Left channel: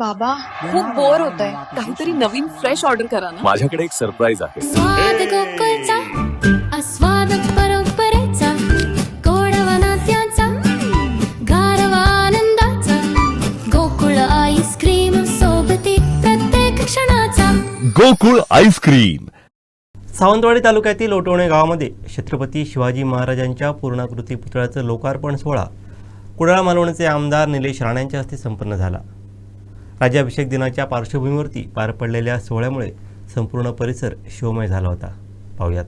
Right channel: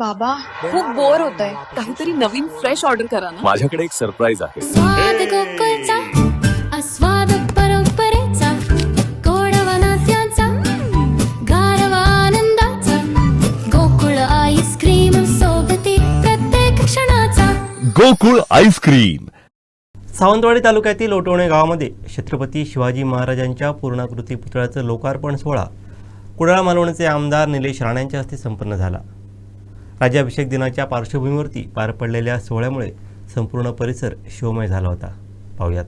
बाबा खूप बोर होतंय, काहीतरी नवीन फ्रेश ऑर्डर करा ना. माझ्याकडे एक सरप्राईज आहे. स्वाद गोकुळचा आस्वाद परंपरेचा गोडवा नात्याचा गारवा आनंदाचा गोकुळ आईस्क्रीम सोबती प्रत्येक क्षणाचा गोकुळ आईस्क्रीम. सावंतवाडी तालुक्यातील ओटवणे गावामध्ये छत्रपती शिवाजी महाराजांच्या पूर्णाकृती पुतळ्याचं लोकार्पण सोहळा कुडाळ मालवणचे आमदार निलेश राणे यांच्या हस्ते संपन्न झाला. राज्याभिषेक दिनाच्या पार्श्वभूमीवरती पार पडलेल्या सोहळ्यामुळे संपूर्ण परिसर शिवमय झाला होता. पाहूयात.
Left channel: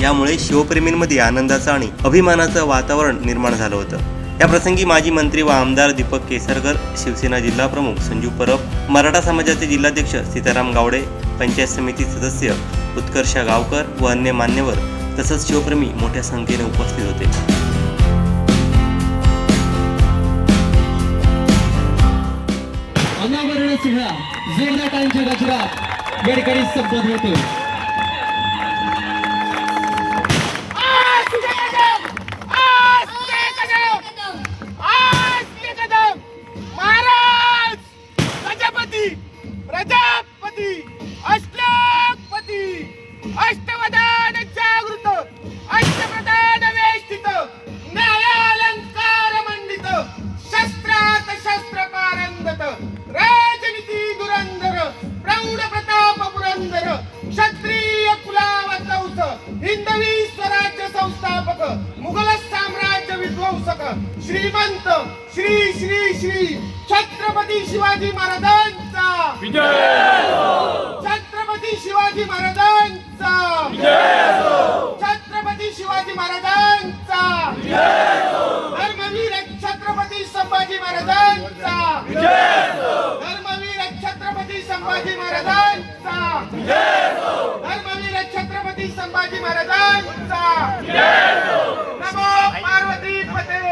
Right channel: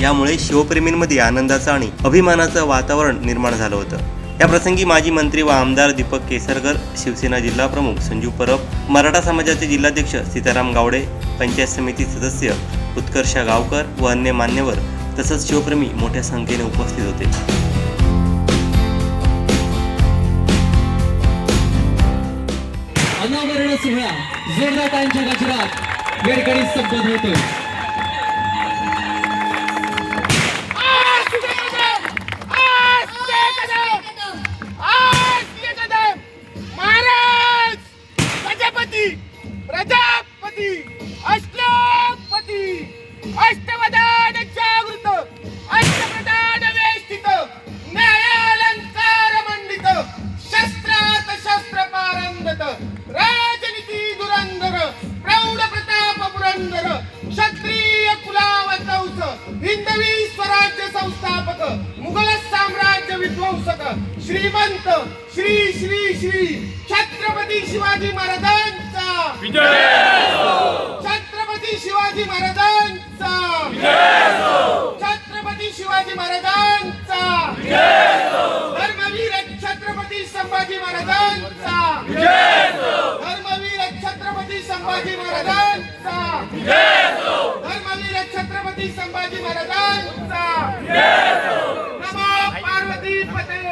यामुळे शिवप्रेमींमध्ये आनंदाचं आणि अभिमानाचं वातावरण निर्माण झालं होतं. या प्रसंगी माजी मंत्री व आमदार दीपक केसरकर, शिवसेना जिल्हा प्रमुख संजू परब, मराठा समाजाचे जिल्हाध्यक्ष सीताराम गावडे, पंचायत समिती सदस्य उत्कर्षा गावकर व अन्य मान्यवर तसंच शिवप्रेमी मोठ्या संख्येने उपस्थित होते. अनावरण सोहळा जोरदारांच्या गजरात वेळकरी संपन्न होतो. प्रजापती अष्टपती अष्टवदान जागृत अष्टप्रधान वेष्टित न्यायालंकार मंडित शस्त्रात शस्त्र पारंगत राजनीती धुरंधर प्रौढ प्रताप पुरंदर क्षत्रिय कुलावतंस हिंदवी स्वराज्य संस्थापक मुघल साम्राज्य विध्वंसक श्रीमंत श्री श्री श्री छत्रपती शिवाजी महाराजांचा विजय असो. छत्रपती शिवाजी महाराजांचा विजय असो. छत्रपती शिवाजी महाराजांचा विजय असो. धर्मवीर छत्रपती संभाजी महाराजांचा विजय असो. धर्मवीर छत्रपती संभाजी महाराजांचा विजय असो. धर्मवीर छत्रपती संभाजी महाराजांचा विजय असो. नमो पार्वती पते.